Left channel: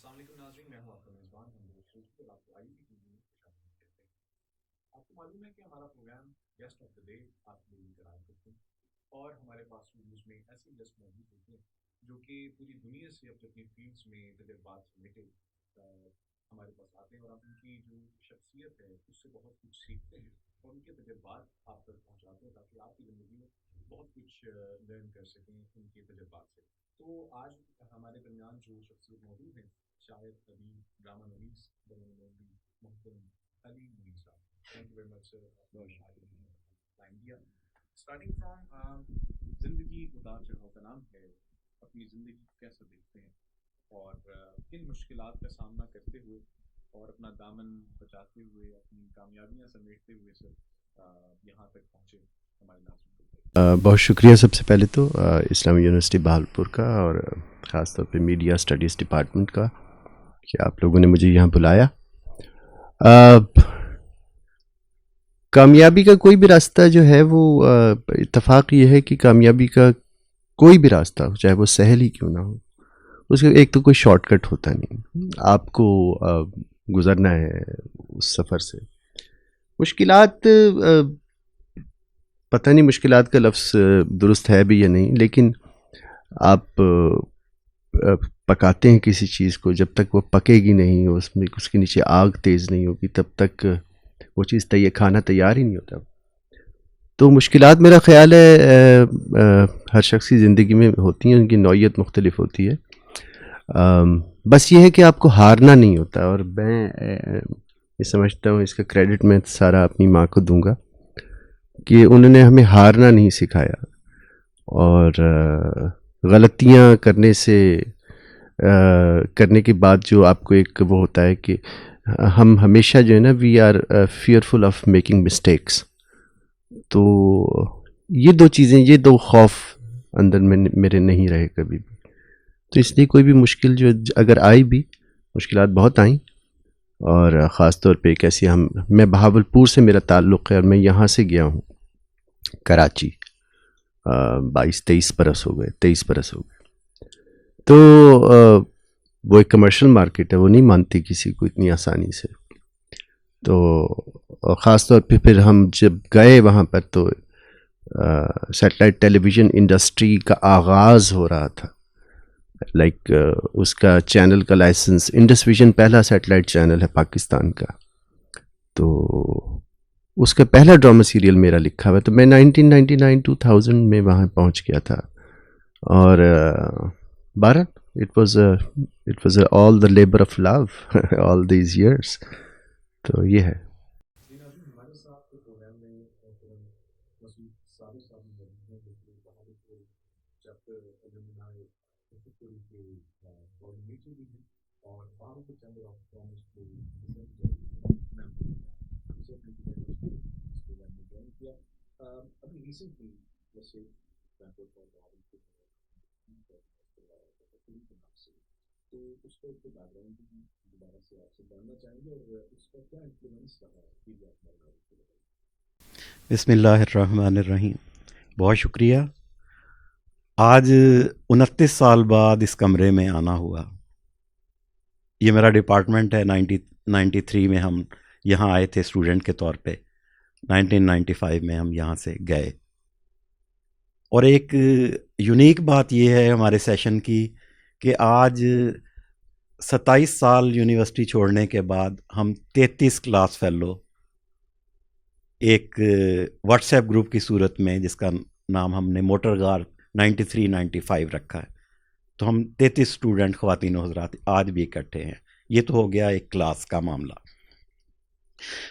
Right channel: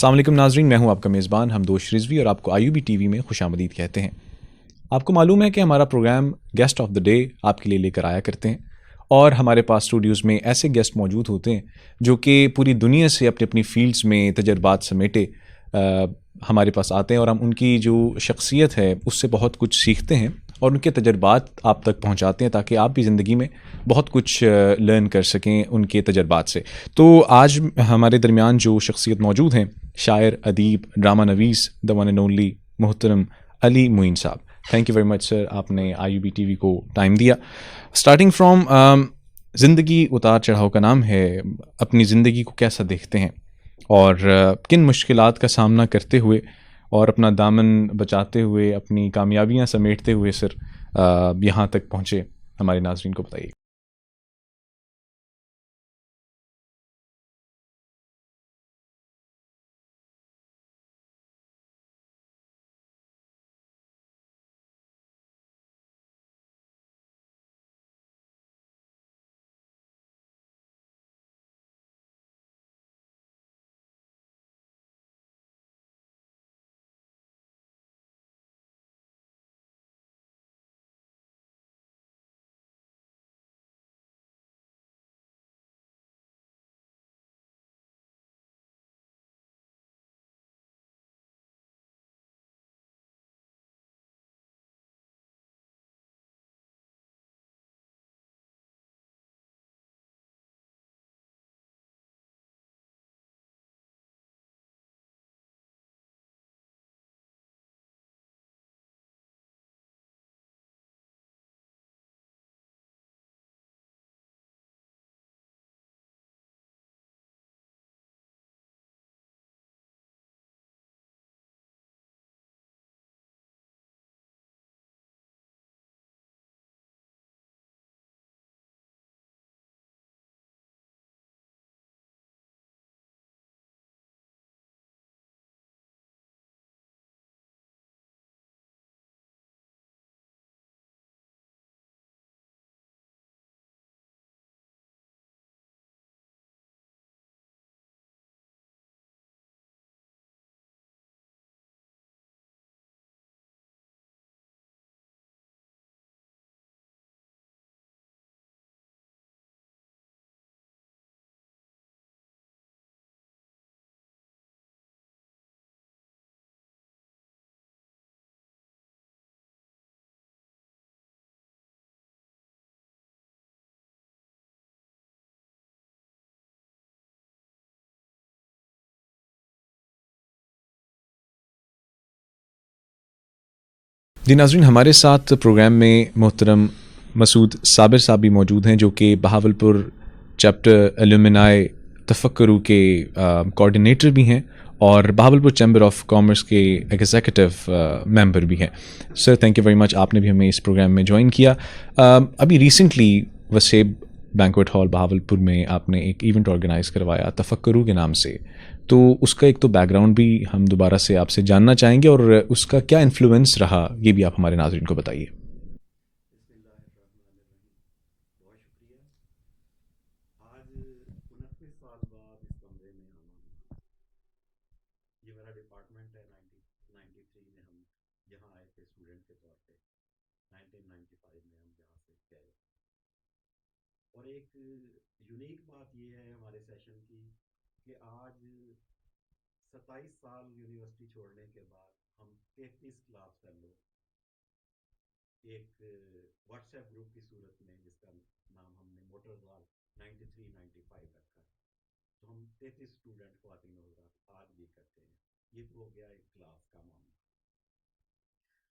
السلام علیکم ناظرین، میں ہوں آپ کا میزبان حمدوش رضوی اور آپ کو IUB TV میں خوش آمدید کہتے ہیں۔ آپ کو معلوم ہے کہ ہمارا programme guest of the day آپ کے لیے لے کر آیا کرتے ہیں، اور ہمارے پاس اسٹوڈیوز میں ایسے گیسٹ موجود ہوتے ہیں جو کہ پوری دنیا سے اپنی اپنی فیلڈز میں تجربات سمیٹے ہمارے پاس آتے ہیں، اور ہم ان کی جو شخصیت ہے اس سے بہت کچھ سیکھتے ہیں اور ان کے تجربات آپ تک پہنچاتے ہیں تاکہ آپ بھی زندگی میں بہت کچھ لرن کر سکیں ان کے تجربات سے۔ تو آج ہمارے درمیان جو شخصیت موجود ہیں، شاعر، ادیب، ڈرامہ نویس، دی ون اینڈ اونلی محترم علی معین صاحب۔ Thank you very much sir, آپ نے IUB TV کو ٹائم دیا۔ اسٹارٹنگ فرام زندگی اتار چڑھاؤ کا نام ہے، اپنی زندگی کو کیسا دیکھتے ہیں اور کن مشکلات کا سامنا کرتے ہوئے اور اپنا دامن بچاتے ہوئے اپنی کامیابیاں سمیٹتے ہوئے سر یہاں تک پہنچے، ہمارے ناظرین کو بتائیے۔ بہت شکریہ سب سے پہلے تو اسلامی یونیورسٹی بہاولپور کا اور خاص طور پہ میڈیا اسٹڈیز ڈپارٹمنٹ کا کہ آپ لوگوں نے مجھے یہاں بلایا۔ کامیابی کا کوئی بھی راستہ جو ہے وہ اتفاق یہ ہے کہ کامیابی کا کوئی بھی راستہ ہو، چاہے وہ سہل ہی کیوں نہ ہو، اس کا ایک تو کوئی شارٹ کٹ ہوتا نہیں، آپ کو گزرنا ہے اس سفر سے۔ مشکلات، پتہ نہیں مشکلات کا لفظ درست ہے بھی یا نہیں، لیکن آپ پکاتے ہیں کسی چیز کو، جب تک وہ پکے گی نہیں، اس کے نیچے آگ تیز نہیں ہوگی، تب تک وہ چیز کھانا تیار ہی نہیں ہوتا۔ تو مشکلات میرا خیال ہے ہر شخص کی زندگی میں ہوتی ہیں، ان کی نوعیت مختلف ہوتی ہے۔ بس یہ ہے کہ آپ کو ہارنا نہیں ہوتا، اور میں یہ سمجھتا ہوں اس کا کریڈٹ میں سارا اپنی ماں کو دوں گا کہ انہوں نے ہمیں ہارنا نہیں سکھایا، اور غلطیاں کرنے کے بعد جو آپ کو ایک وہ ہوتا ہے کہ ہم ہمیشہ جو ہے نا we are fearful of making mistakes, تو یہ دو چیزیں، یہ دو خوف اندر میں میرے نہیں رہے کبھی بھی۔ تو اس لیے کوئی بھی مشکل جو اگر آئی بھی، مشکلات بہت آئیں، اور خاص طور پہ ایک ایسی میں بہاولپور سے میرا تعلق ہے اور میں یہاں سے گیا ہوں کراچی 23 برس ہو گئے۔ تو وہ ایک کمرشل مارکیٹ ہے، وہ نہیں مانتی کسی کو اتنی آسانی سے۔ تو خاص طور پہ پھر ہم جب گئے وہاں پر تو سیٹلائٹ ٹیلی ویژن انڈسٹری کا آغاز ہو رہا تھا، لائک اس کا چینل کا لائسنس، انڈس ویژن پہلا سیٹلائٹ چینل ہے پاکستان کا، تو اس کا پہلا ڈرامہ سیریل میرا لکھا ہوا ہے۔ تو میں 1999-2000 میں وہاں پہنچ گیا تھا، اور 12 it was all the labor of love all these years۔ تو یہ ہے جی ناظرین، ہمارے ساتھ پروگرام میں محترم مسعود صابر صاحب بھی موجود ہیں، جو کہ بہاولپور چیپٹر ایلومنائی تفکرو کے کوآرڈینیٹر بھی ہیں اور بہاولپور چیمبر آف کامرس کے ایگزیکٹو ممبر بھی ہیں۔ سر تھینک یو ویری مچ، آپ نے بھی ہمیں اس پروگرام میں جوائن کیا۔ ابھی ریسنٹلی وسیب بینکویٹ ہال بہاولپور میں آپ نے ایک ایونٹ آرگنائز کروایا تفکرو کے نام سے، تو اس کا ایک تو بیک گراؤنڈ بھی ہم دوبارہ سے آپ سے جاننا چاہیں گے، اور اس کا کیا انفلوئنس رہا یہ بھی آپ ہمارے ناظرین کو بتائیے۔ بسم اللہ الرحمن الرحیم۔ بہت شکریہ۔ آج 29 سال بعد اس کمرے میں آنا ہوا۔ یہ میرا ڈپارٹمنٹ ہے۔ 1993 میں ہم یہاں آئے تھے اسٹوڈنٹ کے طور پہ، 1995 میں ہم یہاں سے گئے، اور ایک یونیک بات یہ ہے ہمارے سیشن کی کہ آج 27 سال یونیورسٹی چھوڑنے کے بعد ہم 33 کلاس فیلو ایک واٹس ایپ گروپ کی صورت میں، جس کا نام ہم نے موٹر گار 93-95 رکھا ہے، تو ہم 33 اسٹوڈنٹ خواتین و حضرات آج بھی اکٹھے ہیں۔ یہ تو ہو گیا ایک کلاس کا معاملہ۔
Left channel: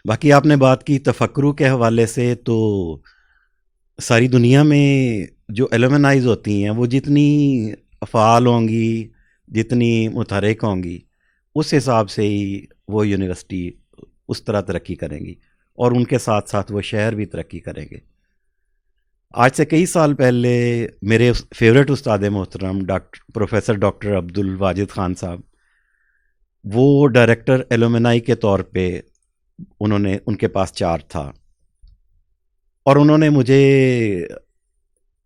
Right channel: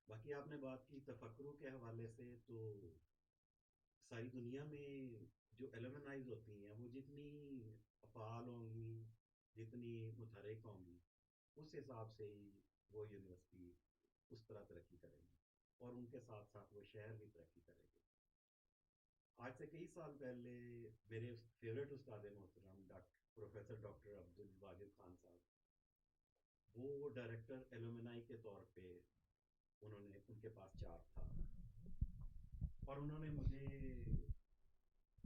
باقی آپ نے بات کی تفکرو کے حوالے سے، تو ساری دنیا میں جو ایلومنائز ہوتی ہیں وہ جتنی فعال ہوں گی، جتنی متحرک ہوں گی، اس حساب سے ہی وہ یونیورسٹی اس طرح ترقی کریں گی، اور ان کے ساتھ ساتھ وہ شہر بھی ترقی کریں گے۔ آج سے کئی سال پہلے میرے فیوریٹ استاد محترم پروفیسر ڈاکٹر عبدالواجد خان صاحب، وہ ڈائریکٹر ایلومنائی کے طور پہ ان کے پاس چارج تھا، اور انہوں نے مجھے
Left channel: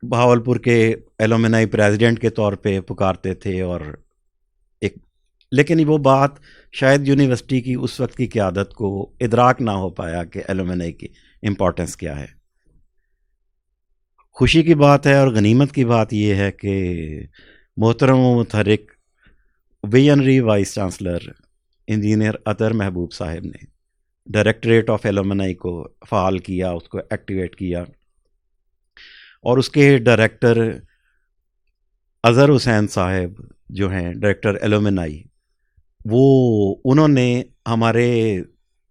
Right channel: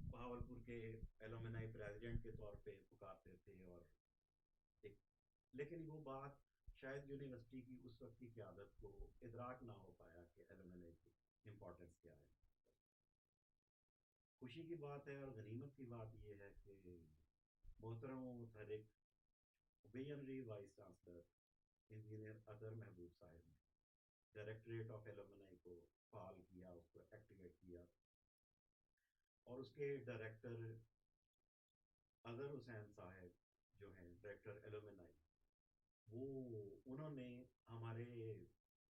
بہاولپور کے ایلومنائی پریزیڈنٹ کے طور پہ پکارتے تھے، اور ایک لیکن وہ بات شاید یونیورسٹی کی اس وقت کی قیادت کو ادراک نہ ہو پایا کہ ایلومنائی کی امپورٹنس کیا ہے. خوشی کی بات ہے اور غنیمت کی بات یہ ہے کہ محترم و متحرک ویژنری وائس چانسلر انجینئر اطہر محبوب صاحب نے ڈائریکٹریٹ آف ایلومنائی کو فعال کیا, اس کو ایکٹیویٹ کیا, اور اس کے ڈائریکٹر اظہر حسین صاحب جو ہیں ڈائریکٹر ایلومنائی, وہ انہوں نے ہمارے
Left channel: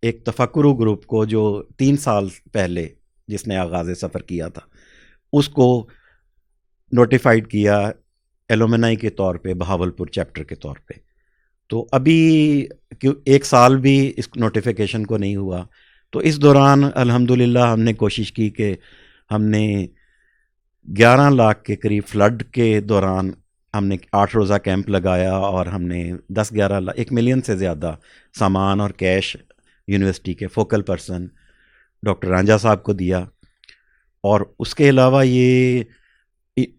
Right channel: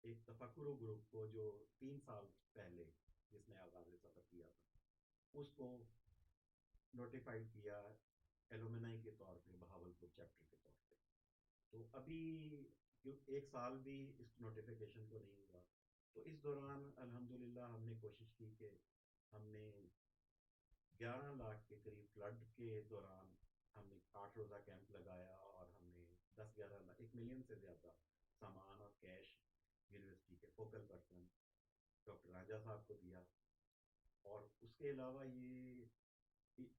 ایک تفکرو گروپ کو جو 3 سال پہلے جس نے آغاز سفر کیا تھا اس کو نوٹیفائڈ کیا ایلومنائی کے طور پہ بہاولپور چیپٹر کے طور پہ. تو ابھی 1 سال بھی اس نوٹیفیکیشن کو نہیں ہوا, تو اس دوران الحمدللہ ہم نے کوشش کی کہ ہم نے 11 لاکھ کے قریب فلڈ کے دوران ہم نے 8 روزہ کیمپ لگایا, اور ہم نے 10-11 لاکھ 1 ملین سے زیادہ سامان اور کیش یونیورسٹی کے فوکل پرسن ڈاکٹر رانجھا صاحب کو دیا. اور اس کے علاوہ یہ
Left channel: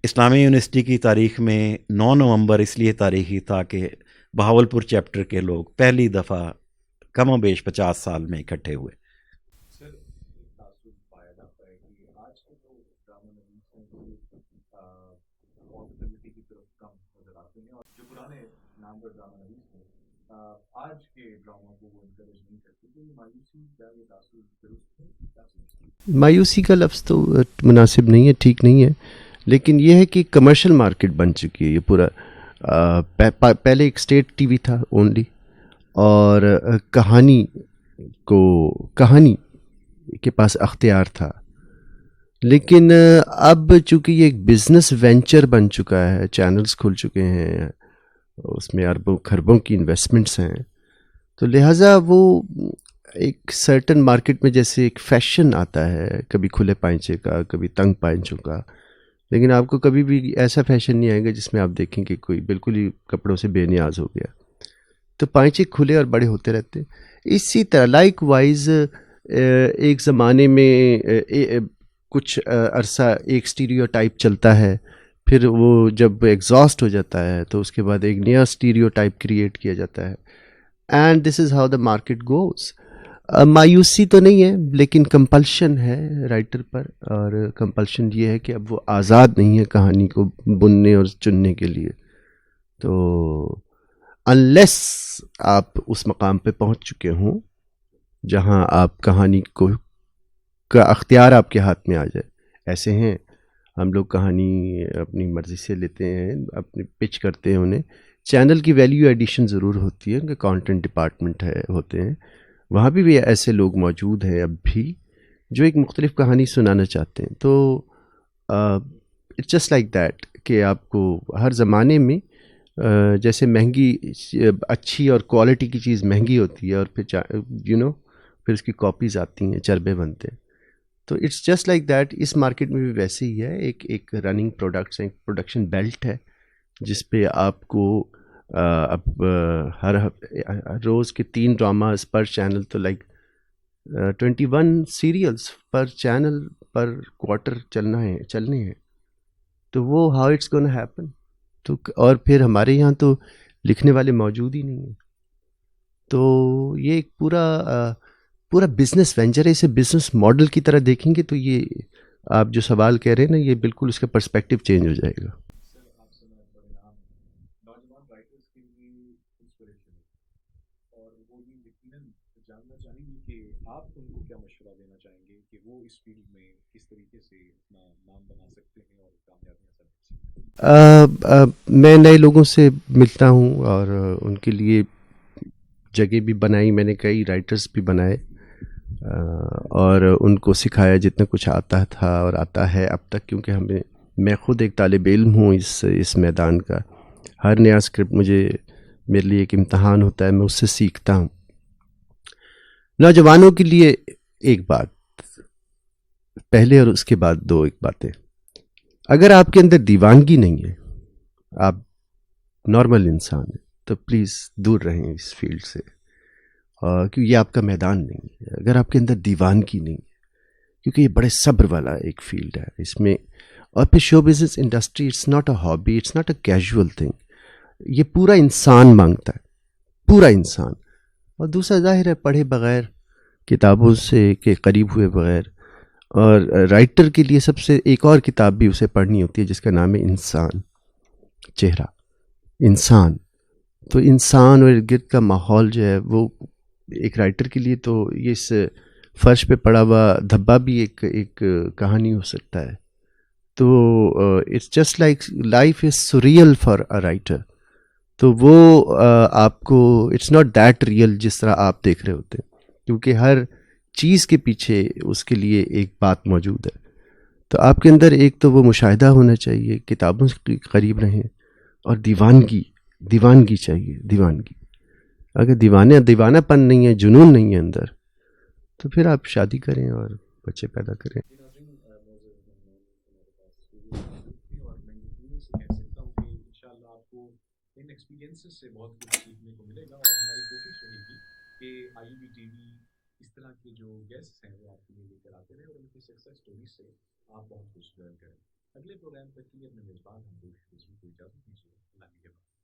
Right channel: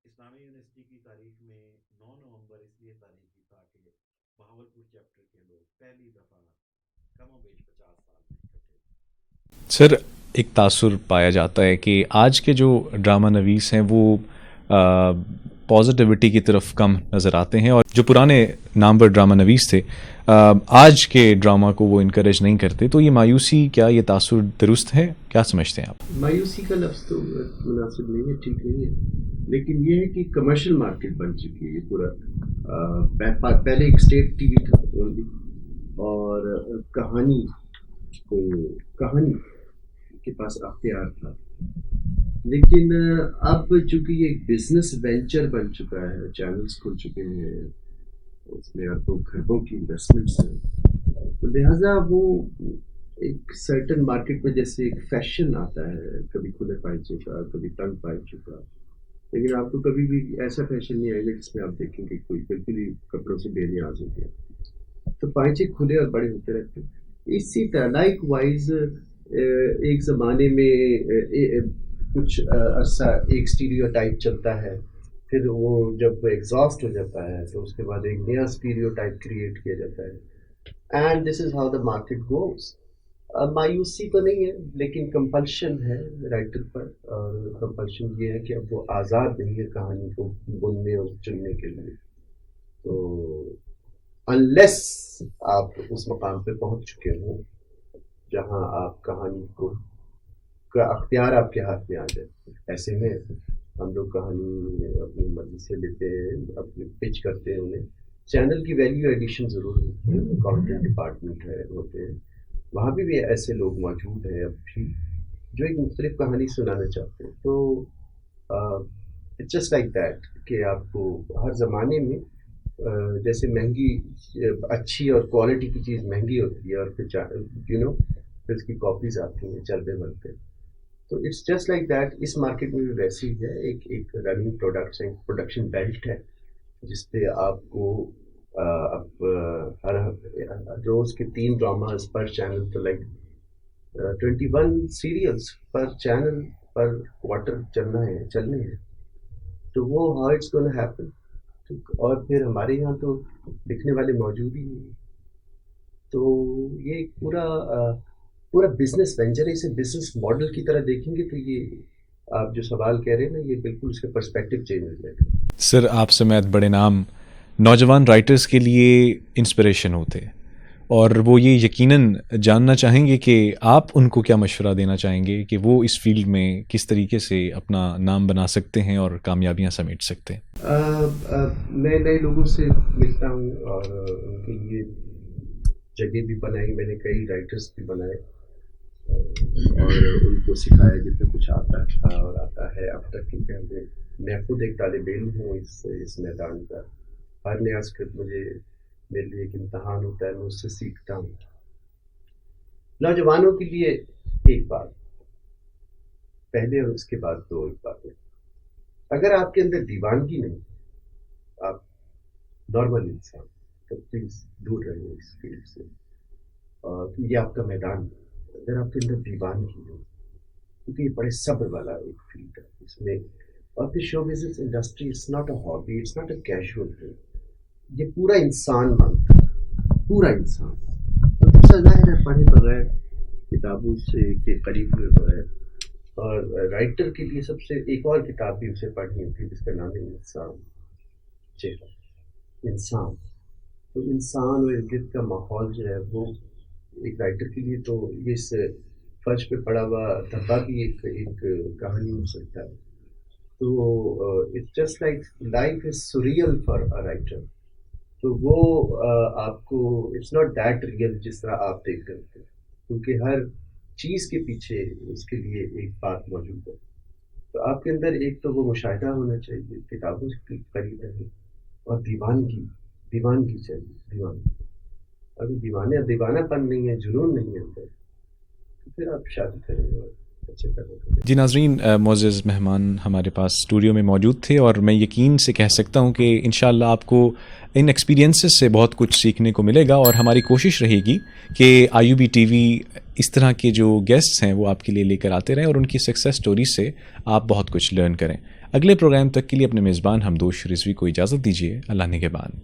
اسلامی یونیورسٹی کی تاریخ میں 9 نومبر اس لیے تاریخی تھا کہ بہاولپور چیپٹر کے لوگ پہلی دفعہ کم و بیش 50 سال میں اکٹھے ہوئے. سر, ایک تاثر پایا جاتا ہے کہ آج کے جو ڈرامہ نویس ہیں وہ پازیٹیوٹی کی طرف کم نظر آتے ہیں, اور جو پرانے نامور ڈرامہ نویس تھے آج کے ڈرامہ کو وہ انکریج نہیں کرتے. تو یہ مایوسی, کیا یہ تاثر درست ہے؟ کیا سمجھتے ہیں آپ؟ مایوسی کا لفظ تو مناسب نہیں ہے, ٹھیک نہیں ہے, لیکن یہ ہے کہ کمرشل مارکیٹ بن چکی ہے یہ پورا. پہلے ایک اسٹیٹ ٹی وی تھا اونلی, اور کہانی کے پاس اختیار تھا, لیکن اب چونکہ یہ ایک بزنس وینچر بن چکا ہے, چینلز کھل چکے ہیں, اس میں اربوں خربوں کی انویسٹمنٹس ہیں, تو لہٰذا وہ ایک سرٹن مارکیٹ میں جیسے ایک فیشن آتا ہے, کبھی کھلے پائنچے کا, کبھی تنگ پائنچوں کا, لیکن آپ کو کبھی بھی ایسا فیشن نہیں آئے گا جس میں آپ دیکھیں کہ کوئی بالکل ہی کپڑوں سے بے نیاز ہو گیا. تو پائنچے کھلے اور بڑے ہوتے رہتے ہیں. اسی طرح لائک وائز ایک زمانے میں کچھ عرصہ ایک اسٹیریو ٹائپ چلتا ہے, پھر وہ جب ایگزاسٹ ہو جاتا ہے تو اس کے بعد ایک نیا اسٹیریو ٹائپ کریٹ کیا جاتا ہے, and this is how the market goes. مایوسی تو نہیں ہے, لیکن کمپلشن ہے رائٹر پر, اور کمپلشن یہ ہے کہ اب وہ آزاد نہیں ہے کہانی کو بننے اور چننے کے لیے. تو انلیس آپ اس مقام پہ پہنچ چکے ہوں جہاں آپ کہانی کا اختیار آپ کے ہاتھ میں آ جائے. ایسے ہیں ہم لوگ کہانی اپنی مرضی سے لیتے ہیں, اپنی پچ کرتے ہیں انہیں. چینل کی ویلیو ایڈیشن ضرور ہوتی ہے کہ کانٹینٹ ڈپارٹمنٹ ہوتے ہیں, وہاں بھی ایسے لوگ موجود ہیں اب بھی جو ایک مختلف کہانی سنانا چاہتے ہیں. تو اٹس جسٹ لائک دیٹ کہ آپ کو ہر زمانے میں جیسے مہنگی اچھی اور کوالٹی کی چیز مہنگی ہوتی ہے, اور پھر پھر اس کی کاپیز آتی ہیں, چربے بنتے ہیں. تو اٹس جسٹ لائک دیٹ. اس مارکیٹ میں بھی ویسے ہی ہے, ایک رننگ پروڈکٹس, ایک پروڈکشن بیلٹ ہے جس پہ آپ کو اب ہر روز کے 3 ڈراماز پر چینل, تو لائک 21 سیریلس پر چینل پر کوارٹر چلنے ہیں. تو وہ ہاؤ اٹس گونا ہیپن. تو اور پھر ہمارے یہاں تو لکھنے والے موجود ہی نہیں ہیں. تو یہ ایک پورا بزنس وینچر ہے. اسے بزنس ماڈل کی طرح دیکھیں گے تو یہ آپ جو سوال کہہ رہے ہیں نا, یہ بالکل اس کا پرسپیکٹیو چینج ہو جائے گا. سر, آپ سمیت بڑے نام نوجوان رائٹرز کے لیے انسپریشن ہوتے ہیں, اور وہ یہ یقیناً جاننا چاہیں گے کہ آپ ان کو کیا مشورہ دینا چاہیں گے کہ وہ اس فیلڈ میں کس طریقے سے اپنا نام بنا سکتے ہیں اور کامیابیاں سمیٹ سکتے ہیں. میں نئے لوگوں سے ملتا ہوں اور ان کے لیے جگہ بھی بنائی میں نے, کئی رائٹرز بھی بنائے, اور ان کو سکھایا جتنا کچھ آتا تھا اور آتا ہے اب تک, کیونکہ میں خود ایک طالب علم ہوں اس میدان کا. ہر نیا اسکرپٹ میرے لیے ایک امتحان ہوتا ہے, میں اس سے سیکھتا ہوں. نوجوانوں کے لیے ایک بات پہلے اور اس کے بعد 2 باتیں. اگر آپ کے اندر دیوانگی نہیں ہے, آپ نارمل انسان ہیں, تو پلیز دور رہیں اس فیلڈ سے, کیونکہ یہ آپ کا میدان نہیں ہے. اگر آپ کے اندر دیوانگی نہیں ہے, کیونکہ یہ بڑے صبر والا ایک فیلڈ ہے اس میں. اور پھر show business industry it's not a hobby, it's not a casual thing. یہ پورا انسان مانگتا ہے. پورا انسان. اور دوسرا ظاہر ہے پڑھے بغیر, کتابوں سے کے قریب ہوئے بغیر. اور رائٹر کے لیے سب سے ایک اور کتاب بھی اسے پڑھنی ہوتی ہے جس کا نام ہے انسان, چہرہ انسان. تو انسان اور ارد گرد کا ماحول جو ہے وہ ایک رائٹر کے لیے تو اس فرش پہ پڑا ہوا دھبا بھی ایک کہانی ہو سکتا ہے. تو it's just like life is surreal for a writer. تو وہ آپ کو اٹس ناٹ دیٹ ریئل جس طرح آپ دیکھ رہے ہوتے ہیں, کیونکہ ہر چیز کے پیچھے اس کے لیے ایک بات موجود ہے. تو آپ کے اندر ایک تو وہ مشاہدہ ہونا چاہیے, کتابوں کے قریب رہیں, اور دیوانگی چاہیے, دیوانگی. اگر دیوانہ پن نہیں ہے, جنون نہیں ہے اندر, تو پھر آپ شادی کریں اور بچے پیدا کریں. جی ناظرین, معزز مہمان ہمارے پاس اسٹوڈیو میں موجود تھے, اور میں یقین سے کہہ سکتا ہوں کہ انشاءاللہ آپ کو ان ایکسپیرینسز سے بہت کچھ سیکھنے کو ملے گا, اور ہماری کوشش رہے گی کہ IUB TV اس طرح کے جو گیسٹس ہیں وہ آپ کے لیے لے کر آتے رہیں, اور ان کی سکسیس سٹوری سے آپ بہت کچھ لرن کریں. اگلے پروگرام تک کے لیے اپنے میزبان حمدوش رضوی کو اجازت دیجیے. اللہ نگہبان.